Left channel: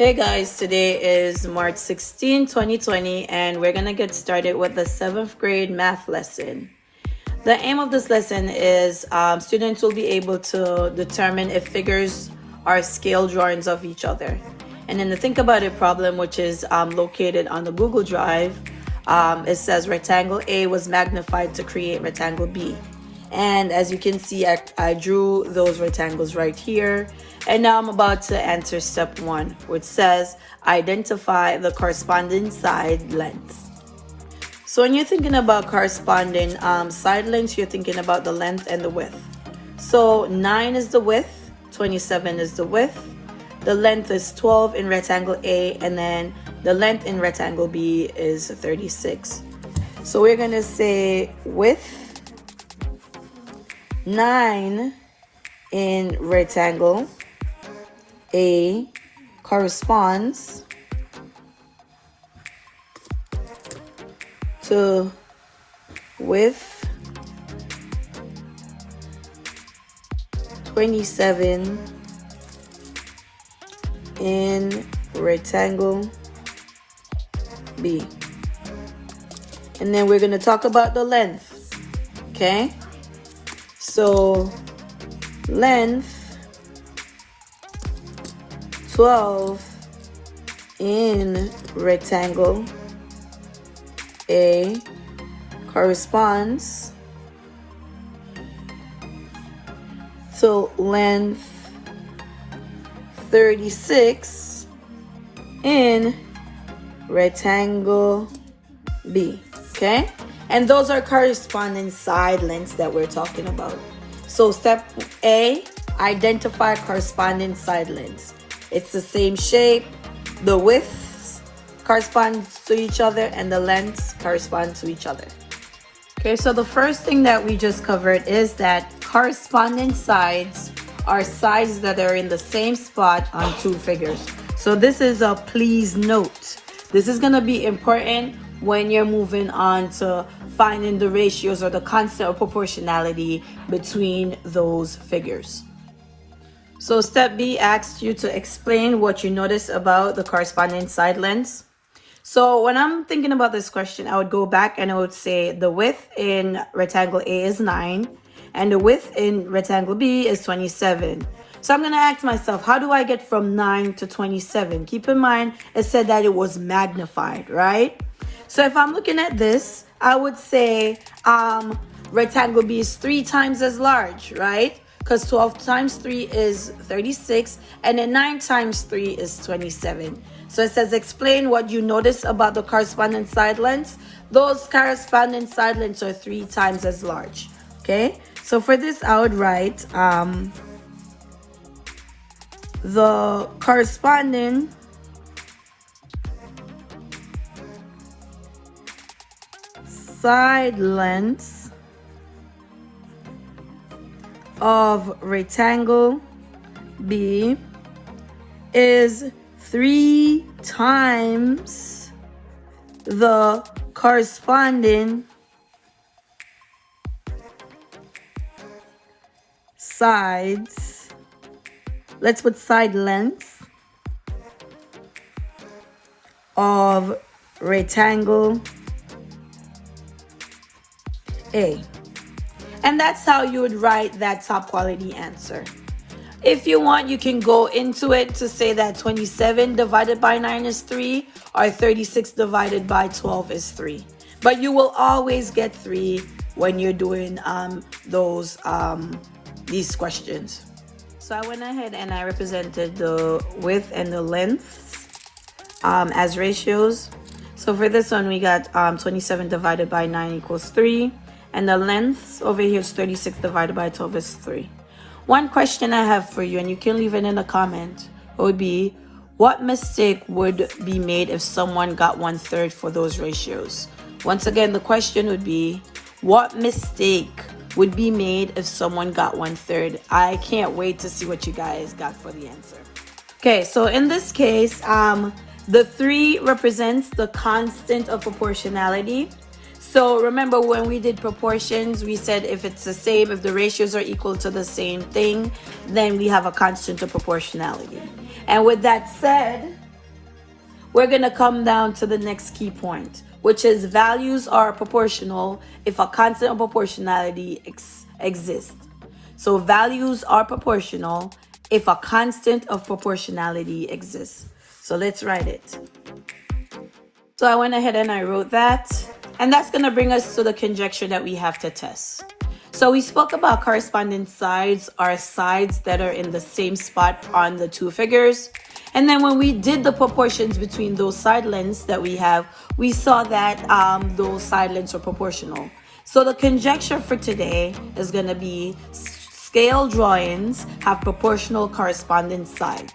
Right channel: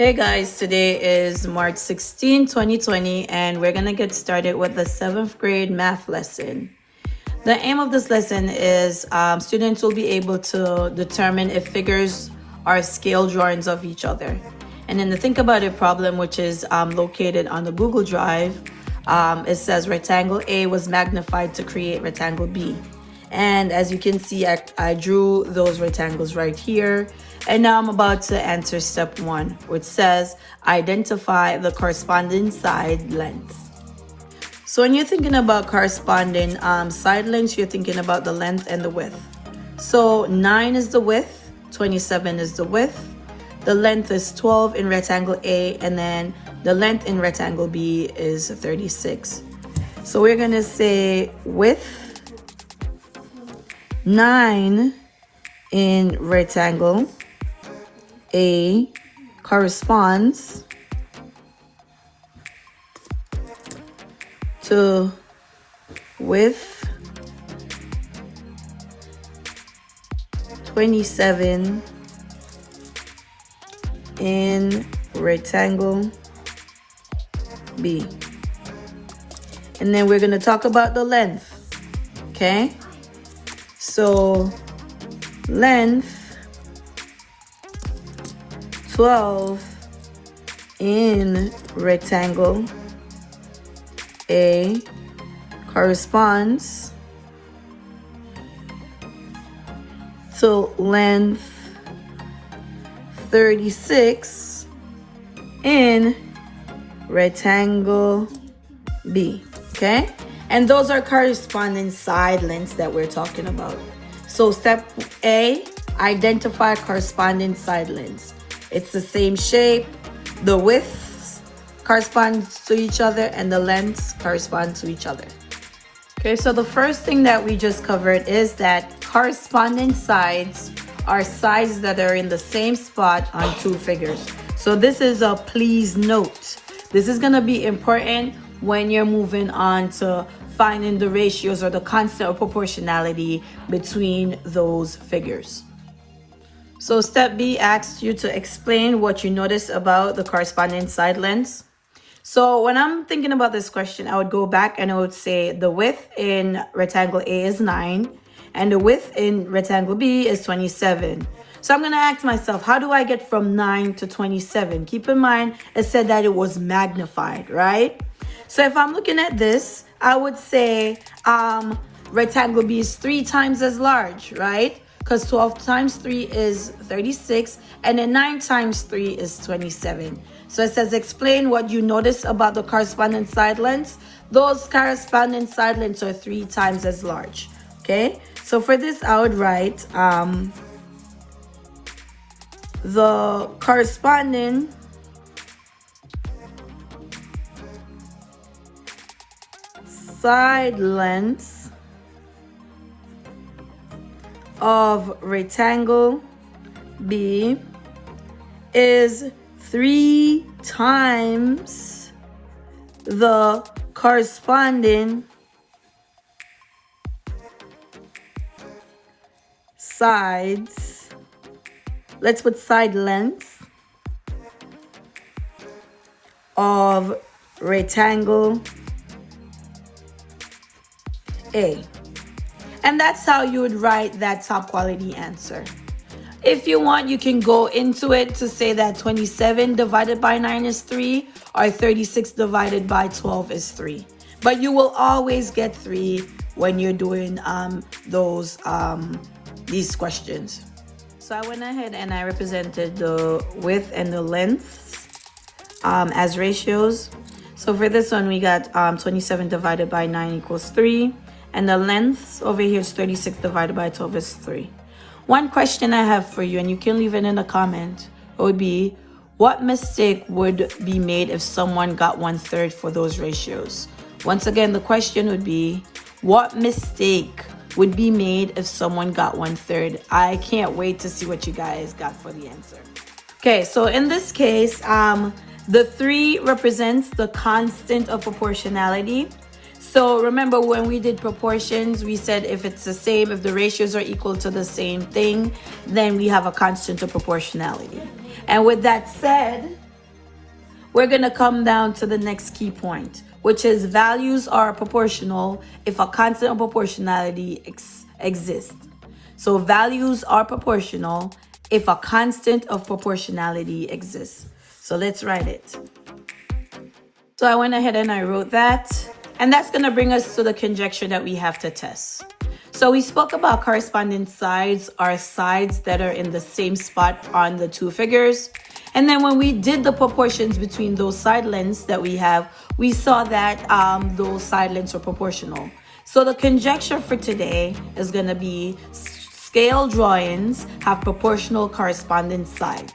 Hey guys, today is March 16, 2020, and we're gonna get started with the 7th grade math lesson. The aim of this lesson is students will be able to determine if figures are scale drawings of each other. And in the Think About It problem, which is located on the Google Drive, it says rectangle A was magnified to create rectangle B. And as you can see, I drew those rectangles right here. And now I'm about to answer step 1, which says identify the corresponding side lengths. So when you're thinking about corresponding side lengths, you're thinking about the length and the width. So 9 is the width, 27 is the width, the length is 12 in rectangle A, and then the length in rectangle B is 36. So we're gonna say width 9 in rectangle A corresponds to width 27 in rectangle B. And then we're going to talk about the length, okay? So length 12 in rectangle A corresponds to length 36 in rectangle B, okay? And those are corresponding side lengths that we're talking about. So step A, identify corresponding side lengths. It's the same shape, the widths correspond to each other, and the lengths correspond to each other. Okay, so the first thing that we just covered is that corresponding sides are sides that are in the same spot on two figures. So this is a please note. This is going to be important when you're moving on to finding the ratios or the constant of proportionality between those figures. So step B asks you to explain what you notice about the corresponding side lengths. So when I'm thinking about this question, I would go back and I would say the width in rectangle A is 9 and the width in rectangle B is 27. So I'm going to ask myself, how do I get from 9 to 27? Keep in mind, it said that it was magnified, right? So if I'm looking at this, I would say rectangle B is 3 times as large, right? Because 12 times 3 is 36, and then 9 times 3 is 27. So it says explain what you notice about the corresponding side lengths. Those corresponding side lengths are 3 times as large, okay? So for this, I would write the corresponding side lengths of rectangle B is 3 times the corresponding sides. Let's put side lengths of rectangle A. And that's how you would write that top quality answer. If you want, you can go into it to say that 27 divided by 9 is 3 or 36 divided by 12 is 3. But you will always get 3 when you're doing these questions. So I went ahead and I represented the width and the lengths as ratios. So for this one, we got 27 divided by 9 equals 3. And the length over here is 36 divided by 12 is 3. One question I have for you, and you can leave it in a comment, would be, what mistake would be made if someone got 1/3 for those ratios? Once again, the question would be, what mistake would be made if someone got 1/3? I can't wait to see what you guys got for the answer. Okay, so in this case, the 3 represents the constant of proportionality. So remember when we did proportions, we said if it's the same, if the ratios are equal to the same thing, then we have a constant of proportionality. And with that said, we're going to come down to the next key point, which is values are proportional if a constant of proportionality exists. So values are proportional if a constant of proportionality exists. So let's write it. So I went ahead and I wrote that. And that's going to bring us to the conjecture that we have to test. So we spoke about corresponding sides are sides that are in the same spot on the two figures. And then when we did the proportions between those side lengths that we have, we saw that those side lengths are proportional. So the conjecture for today is going to be scale drawings have proportional corresponding sides.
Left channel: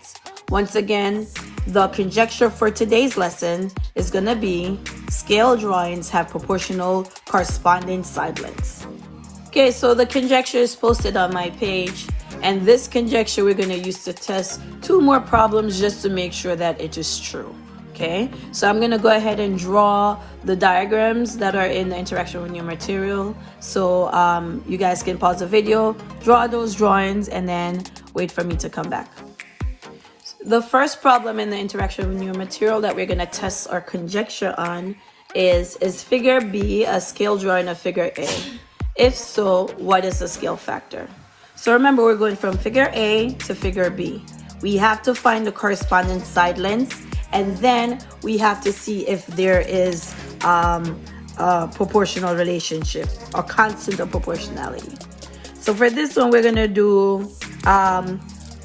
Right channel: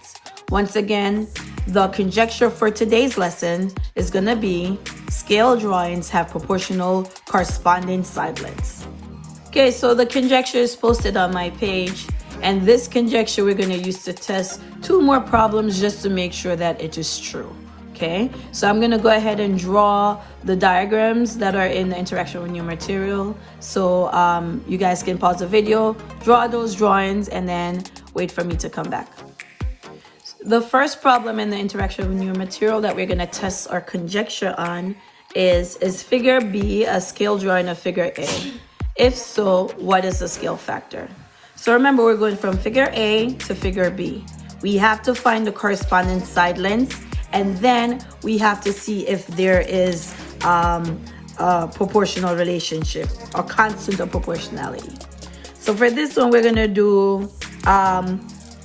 Once again, the conjecture for today's lesson is going to be scale drawings have proportional corresponding side lengths. Okay, so the conjecture is posted on my page, and this conjecture we're going to use to test 2 more problems just to make sure that it is true. Okay, so I'm going to go ahead and draw the diagrams that are in the interaction with your material. So you guys can pause the video, draw those drawings, and then wait for me to come back. The first problem in the interaction with your material that we're going to test our conjecture on is figure B a scale drawing of figure A? If so, what is the scale factor? So remember, we're going from figure A to figure B. We have to find the corresponding side lengths, and then we have to see if there is a proportional relationship or constant of proportionality. So for this one, we're going to do,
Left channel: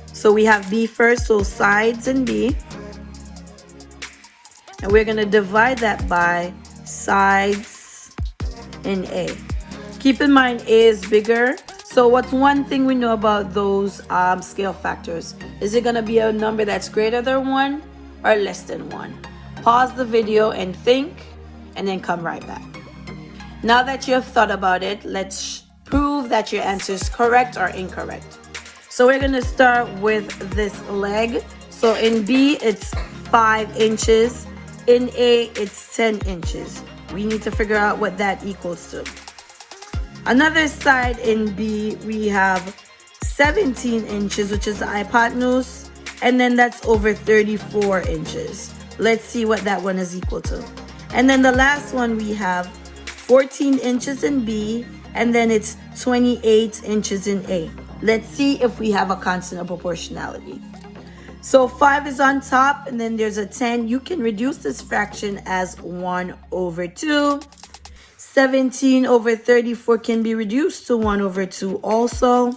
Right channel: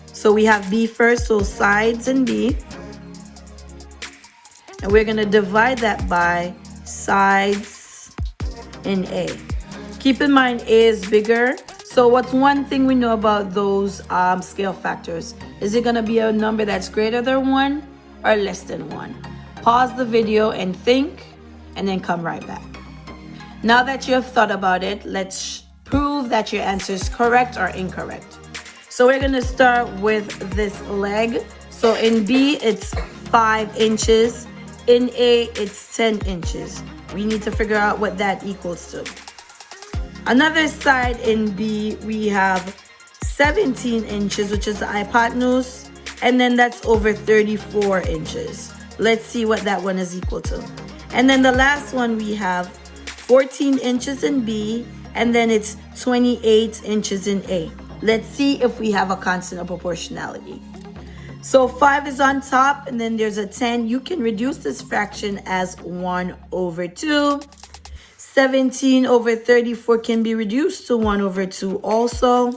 so we have B first, so sides in B. And we're going to divide that by sides in A. Keep in mind, A is bigger. So what's one thing we know about those scale factors? Is it going to be a number that's greater than 1 or less than 1? Pause the video and think, and then come right back. Now that you have thought about it, let's prove that your answer is correct or incorrect. So we're going to start with this leg. So in B, it's 5 inches. In A, it's 10 inches. We need to figure out what that equals to. Another side in B, we have 17 inches, which is the hypotenuse, and then that's over 34 inches. Let's see what that one is equal to. And then the last one, we have 14 inches in B, and then it's 28 inches in A. Let's see if we have a constant of proportionality. So 5 is on top, and then there's a 10. You can reduce this fraction as 1 over 2. 17 over 34 can be reduced to 1 over 2 also.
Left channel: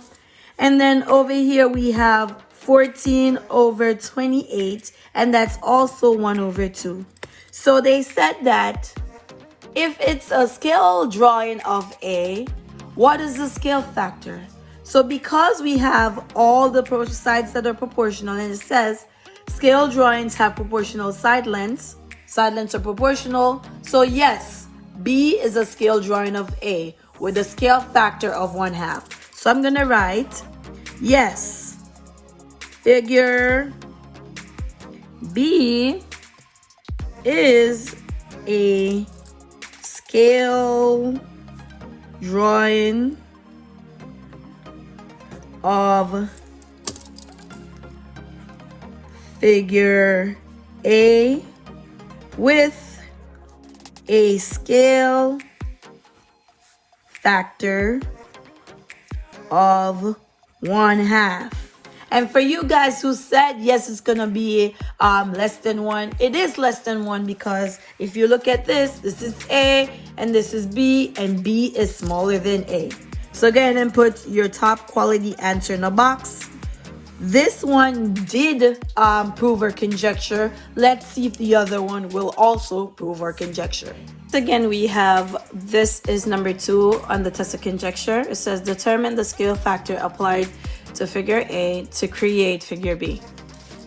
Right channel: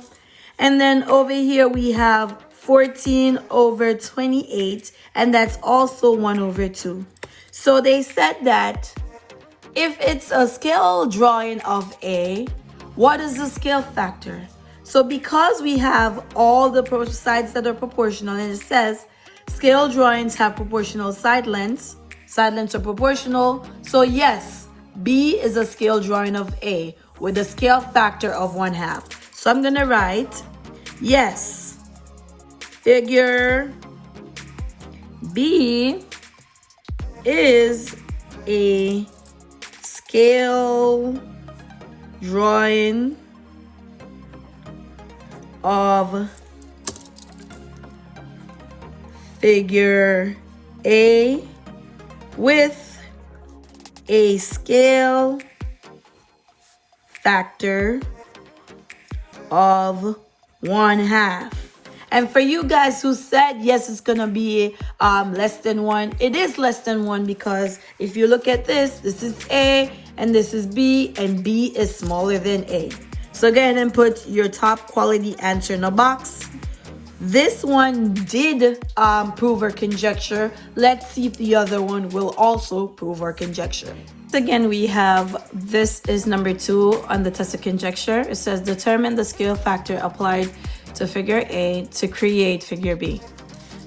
And then over here we have 14 over 28, and that's also 1 over 2. So they said that if it's a scale drawing of A, what is the scale factor? So because we have all the sides that are proportional, and it says scale drawings have proportional side lengths are proportional. So yes, B is a scale drawing of A with a scale factor of 1/2. So I'm going to write, yes, figure B is a scale drawing of figure A with a scale factor of 1/2. And for you guys who said, yes, it's going to be less than 1, it is less than 1, because if you look at this is A and this is B, and B is smaller than A. So go ahead and put your top quality answer in the box. This one did prove our conjecture. Let's see if the other one will also prove our conjecture. Again, we have, this is number 2 on the test of conjecture. It says determine the scale factor applied to figure A to create figure B.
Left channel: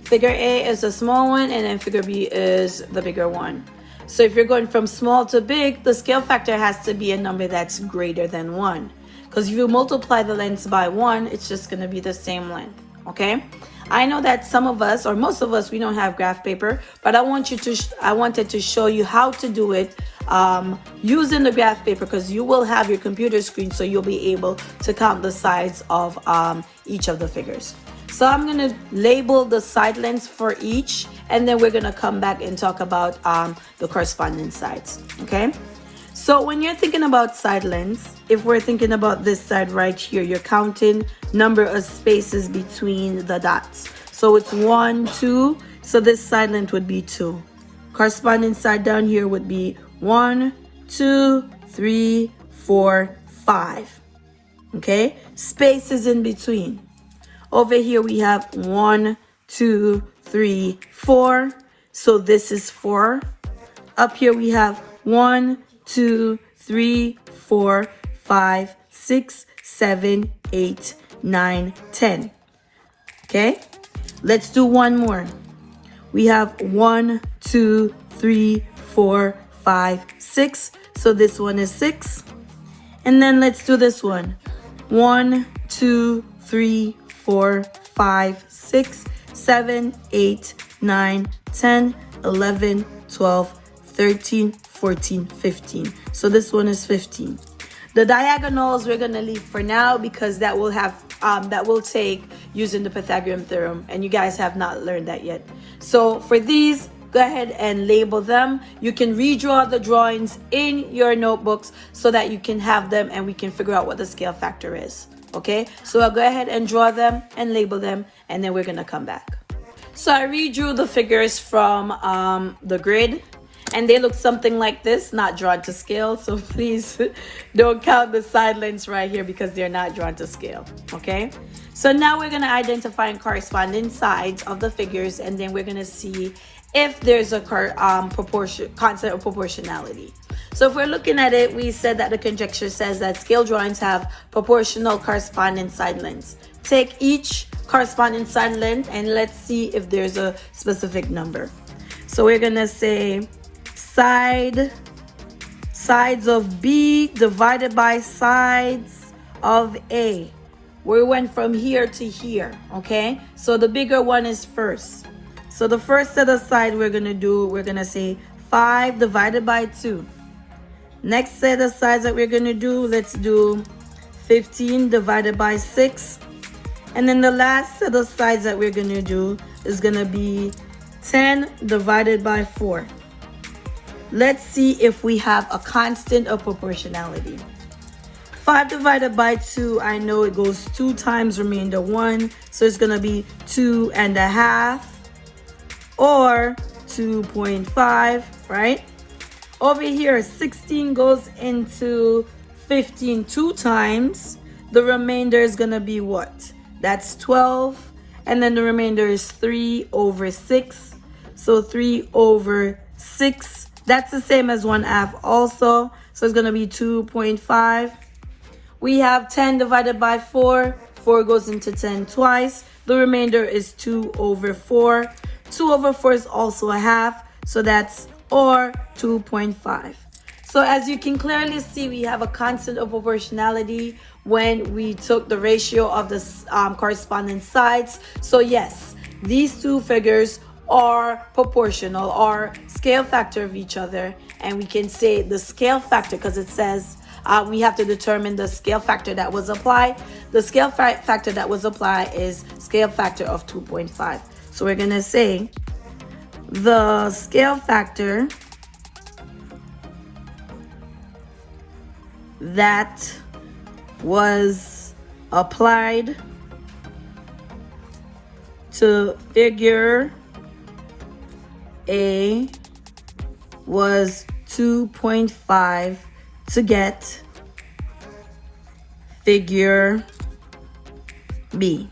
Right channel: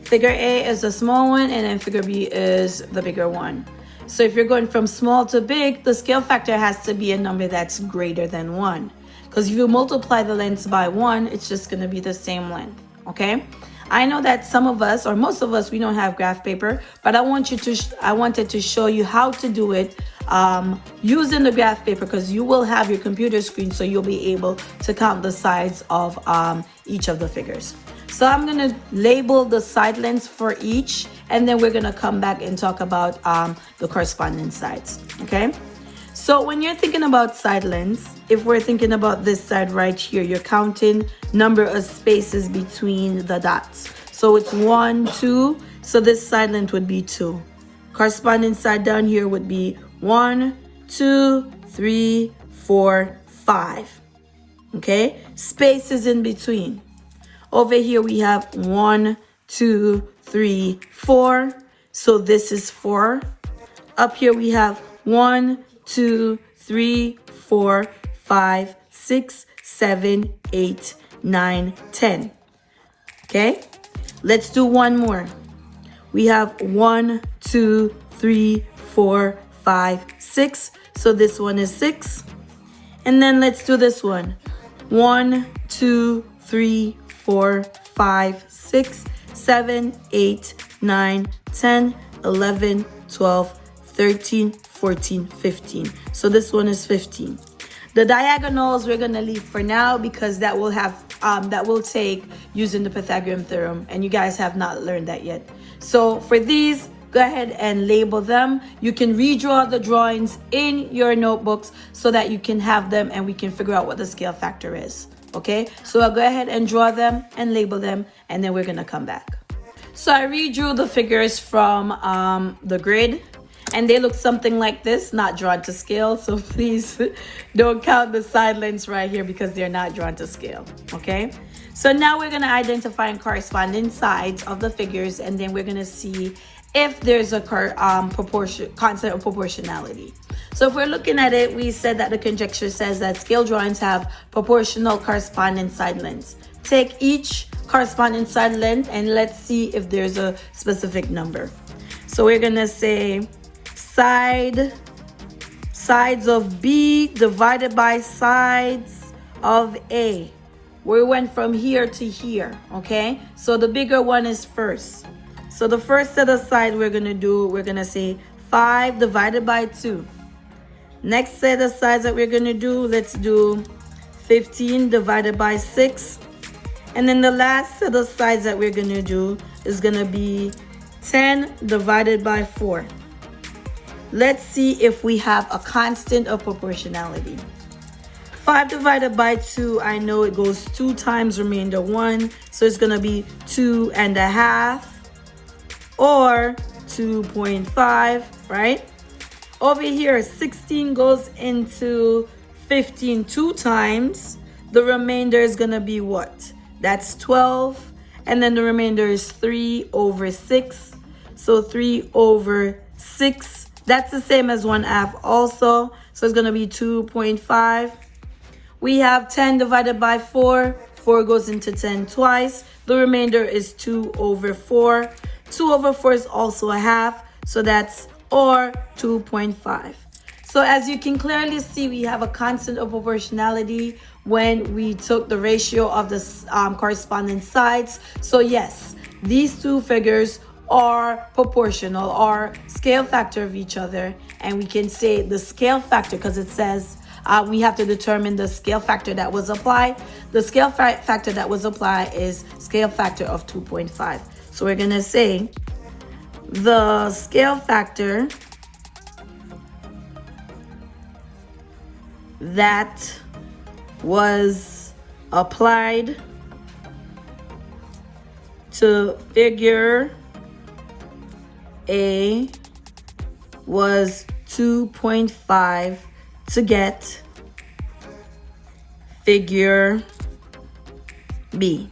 Figure A is a small one, and then figure B is the bigger one. So if you're going from small to big, the scale factor has to be a number that's greater than 1. Because if you multiply the lengths by 1, it's just going to be the same length. Okay, I know that some of us, or most of us, we don't have graph paper, but I wanted to show you how to do it using the graph paper, because you will have your computer screen, so you'll be able to count the sides of each of the figures. So I'm going to label the side lengths for each, and then we're going to come back and talk about the corresponding sides, okay? So when you're thinking about side lengths, if we're thinking about this side right here, you're counting number of spaces between the dots. So it's 1, 2, so this side length would be 2. Corresponding side down here would be 1, 2, 3, 4, 5. Okay? Spaces in between. Over here we have 1, 2, 3, 4. So this is 4. Up here we have 1, 2, 3, 4, 5, 6, 7, 8, 9, 10. Okay? Let's do one more. We have 1, 2, 3, 4, 5, 6. So this one is 6. And then let's do this one. 1, 2, 3, 4, 5, 6, 7, 8, 9, 10, 11, 12, 13, 14, 15. So this one is 15. The diagonals we're gonna leave for now because that will have that will take using the Pythagorean theorem, and you guys have not learned that yet. So for these, go ahead and label them. You can redraw the drawings in your notebooks so that you can have them and we can figure out what the scale factor is. Okay, so I'll go ahead and draw them and label them, and then we're gonna come back. So I redrew the figures from the grid, and they look something like this, not drawn to scale. So please don't count the side lengths right here because they're not drawn to scale, okay? So now we're gonna identify corresponding sides of the figures, and then we're gonna see if there's a concept of proportionality. So if we're looking at it, we said that the conjecture says that scale drawings have proportional corresponding side lengths. Take each corresponding side length and let's see if there's a specific number. So we're gonna say sides of B divided by sides of A. We went from here to here, okay? So the bigger one is first. So the first set of side we're gonna say 5 divided by 2. Next set of sides that we're gonna do, let's do 15 divided by 6. And then the last set of sides that we're gonna do is gonna be 10 divided by 4. Let's see if we have a constant of proportionality. 5 divided by 2, I know it goes 2 times remainder 1. So it's gonna be 2.5 or 2.5, right? Over here, 16 goes into 15 2 times. The remainder is gonna be what? That's 12. And then the remainder is 3 over 6. So 3 over 6. That's the same as 1/2 also. So it's gonna be 2.5. We have 10 divided by 4. 4 goes into 10 twice. The remainder is 2 over 4. 2 over 4 is also a half. So that's or 2.5. So as you can clearly see, we have a constant of proportionality when we took the ratio of the corresponding sides. So yes, these two figures are proportional or scale factor of each other, and we can say the scale factor because it says we have to determine the scale factor that was applied. The scale factor that was applied is scale factor of 2.5. So we're gonna say the scale factor that was applied to figure A was 2.5 to get figure B.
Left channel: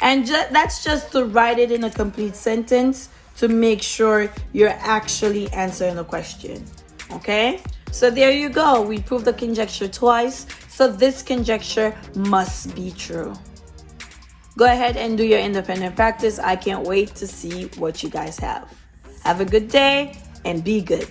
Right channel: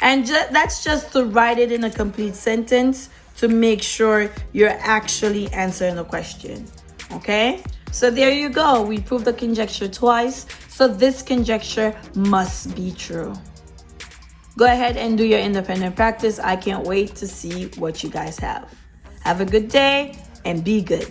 And that's just to write it in a complete sentence to make sure you're actually answering the question, okay? So there you go. We proved the conjecture twice. So this conjecture must be true. Go ahead and do your independent practice. I can't wait to see what you guys have. Have a good day and be good.